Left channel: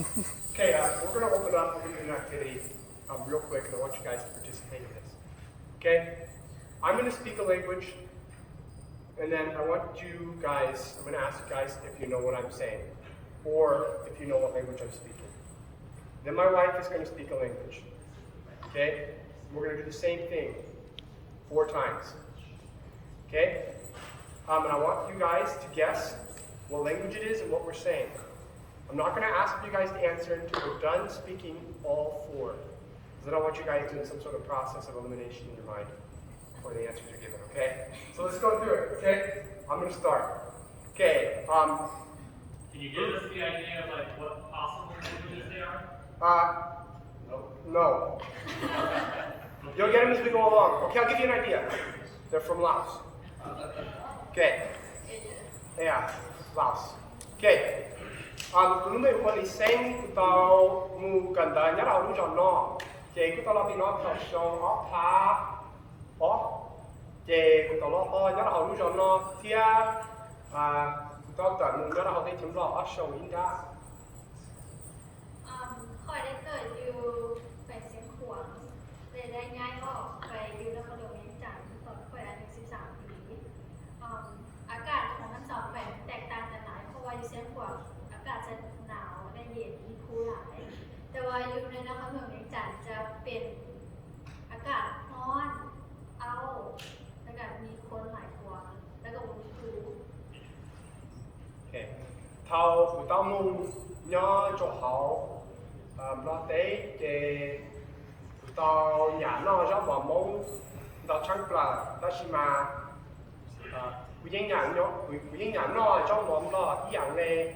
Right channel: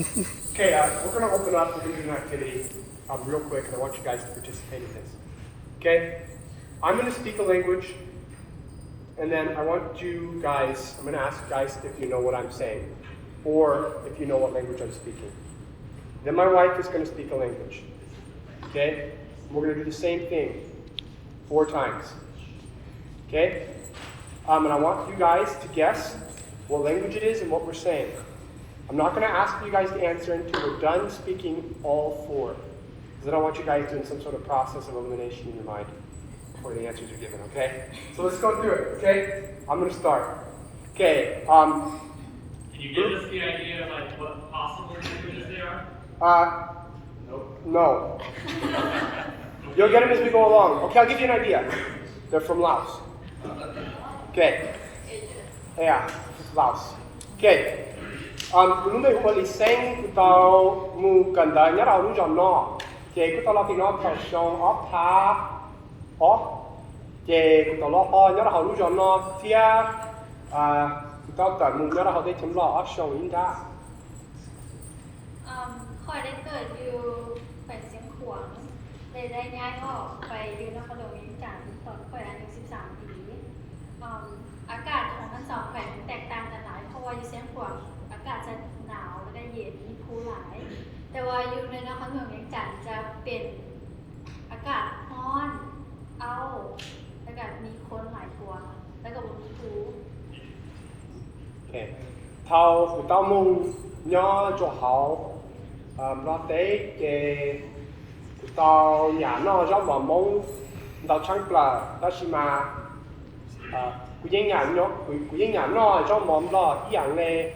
Okay, we're going to open up. We're going to do an activity real quick, and I want you guys to participate in this. Okay? I'm going to speak a language, and then I want you guys, I'm going to ask you guys if you know what I'm saying, or if you know what language I'm speaking. Then my wife is going to speak a language. Okay? And we're going to do the same thing 4 times. Okay? And I want you guys to guess what language it is and what we're saying. I'm not going to ask you guys to answer until we're done speaking all 4. Because then I want you guys doing some sort of process of elimination in your mind before the answers are given, okay? So let's go through it, okay? I'm going to start. Okay. Can you give us the idea of like what possible languages they are? No. You'll get it as we go along. Okay, I'll give you an idea. They're from Laos. Okay. Yeah, it's Laos. Okay. Những người của Lý Sinh tao ngu cần đời nhất là lúc dòng nó chế cái tao là thì nó phải show off tha off chế cái tao lo ho nhất là lúc dòng nó thia tao tao ngu nhất là họ thấy chấm lo off show in ra ค่อยได้เกิดอยู่แขวงเสียงขวางได้ย้ายออกไปอยู่นครหลวงเวียงจันทร์ตอนค่อยอายุ13 ปีอากาศของทั้ง2แขวงแตกต่างกันหลายเพราะว่าอยู่เสียงขวางอากาศจะหนาวและก็เย็นคูหลายแต่ว่าอยู่ในนครหลวงเวียงจันทร์จะเป็นอากาศร้อนเอาแล้วก็มีคนหลายกว่าแล้วก็บ่มีครู Okay. Tao tao mong nhớ cho họ nó tế cái tao nhà nó giống mà mong tao chắc là ta chỉ mà cái nhà nó giống mà lo dạng này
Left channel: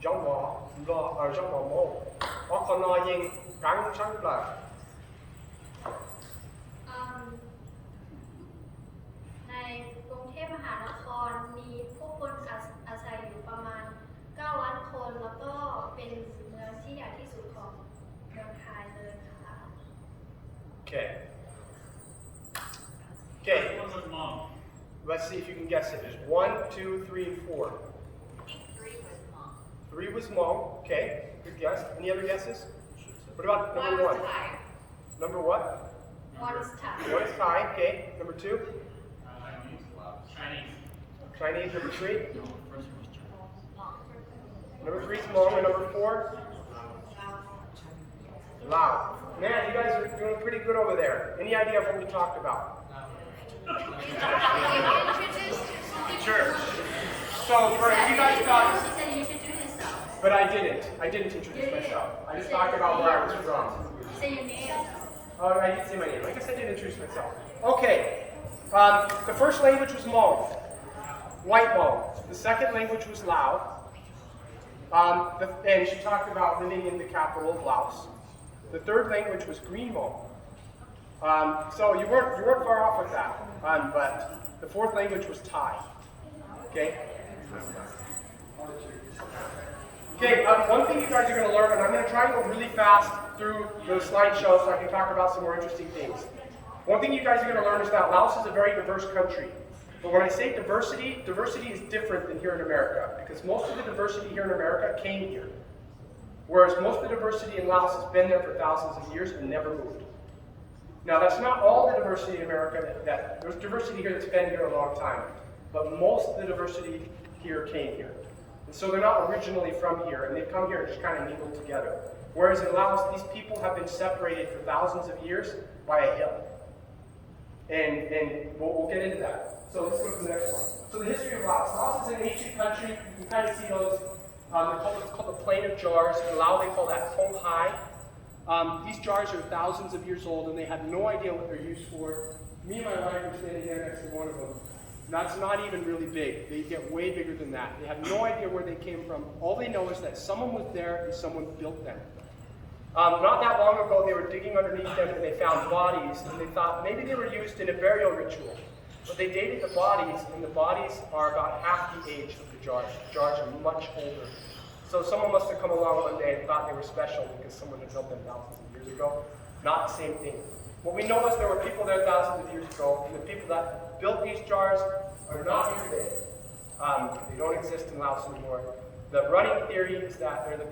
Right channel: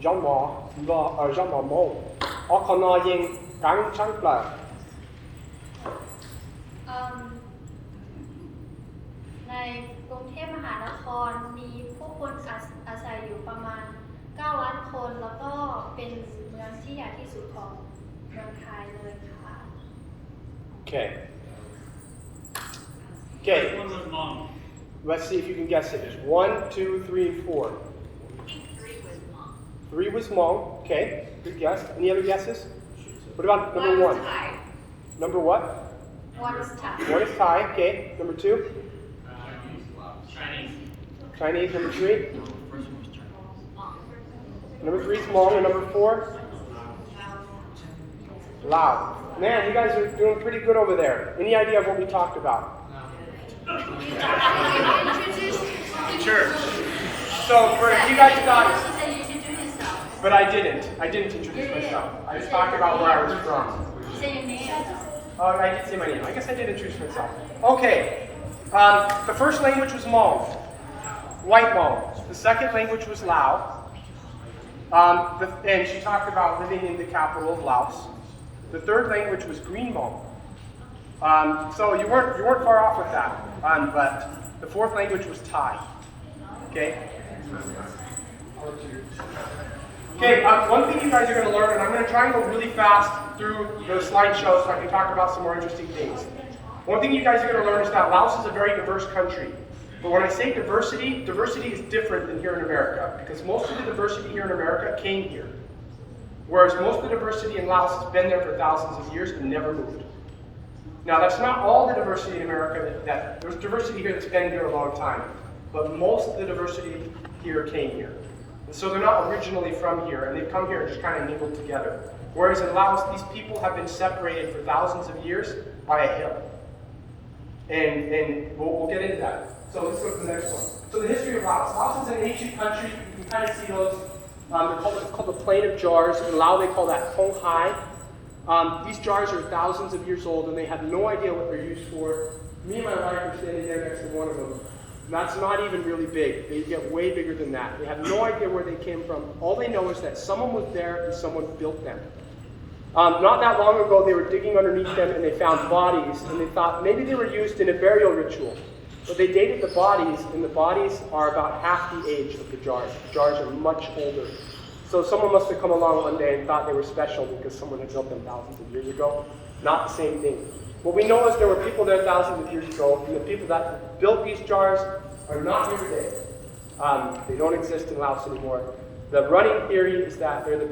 giống mà lo ở giống mà mong ở con nó yên càng chắc là ในกรุงเทพมหานครมีผู้คนอาศัยอยู่ประมาณ 9 ล้านคน แล้วก็เป็นเมืองที่ใหญ่ที่สุดของเมืองไทยเลยค่ะ Okay. Okay. What was long? Let's see if you can guess it. There's 1, 2, 3, 4. I think 3 was mom. 3 was Hmong. Okay. Good guess. Any other guesses? What about number 1? Thai. Number what? One is tough. 1 is Thai. Okay. Number 2? Chinese. Chinese. Number 3? Number 3 is Hmong. And number 4? Lao. Man, you guys are doing pretty good over there. Any idea of what we talked about? Sure. So for you guys thought, She said you should do yourself. but I didn't. I didn't introduce myself. I just talked about where I was from. She said your name. Oh, I did say my name. I guess I did introduce myself. Okay. The first language was Hmong, white Hmong. The second language was Lao. And she talked about living in the capital of Laos. The third language was Green Hmong. So you weren't far off with that. But the fourth language was Thai. Okay. Okay, one thing you guys are going to learn, and I'm going to try and go really fast through the slideshow so I can talk about some more interesting things. One thing you guys are going to learn is that Laos is a very diverse country. But when I say diversity, diversity is different than here in America, because most of the diversity here in America came here. Whereas most of the diversity in Laos has been there for thousands of years and never moved. Now that's not all the diversity in America, there's diversity here that's been here a long time, but most of the diversity here came here. And so they're not originally from here, and they've come here and just kind of mingled together. Whereas in Laos, these people have been separated for thousands of years by a hill. And we'll get into that. So let's go to the next one. So the history of Laos. Laos is an ancient country. You can kind of see those. It's called the Plain of Jars. In Lao, they call that Hong Hai. These jars are thousands of years old, and they had no idea what they're used for. Me and my wife are standing there next to one of them. That's not even really big. They get way bigger than that. They have no idea where they came from. All they know is that someone was there and someone built them. Not that long ago, they were digging underneath them and they found bodies, and they thought maybe they were used in a burial ritual. But they dated the bodies, and the bodies are about half the age of the jars. The jars are much older. So someone must have come along one day and thought they were special because someone had built them thousands of years ago. Not the same thing. What we know is there were people there thousands of years ago, and the people that built these jars are not here today. They don't exist in Laos anymore. The running theory is that they're the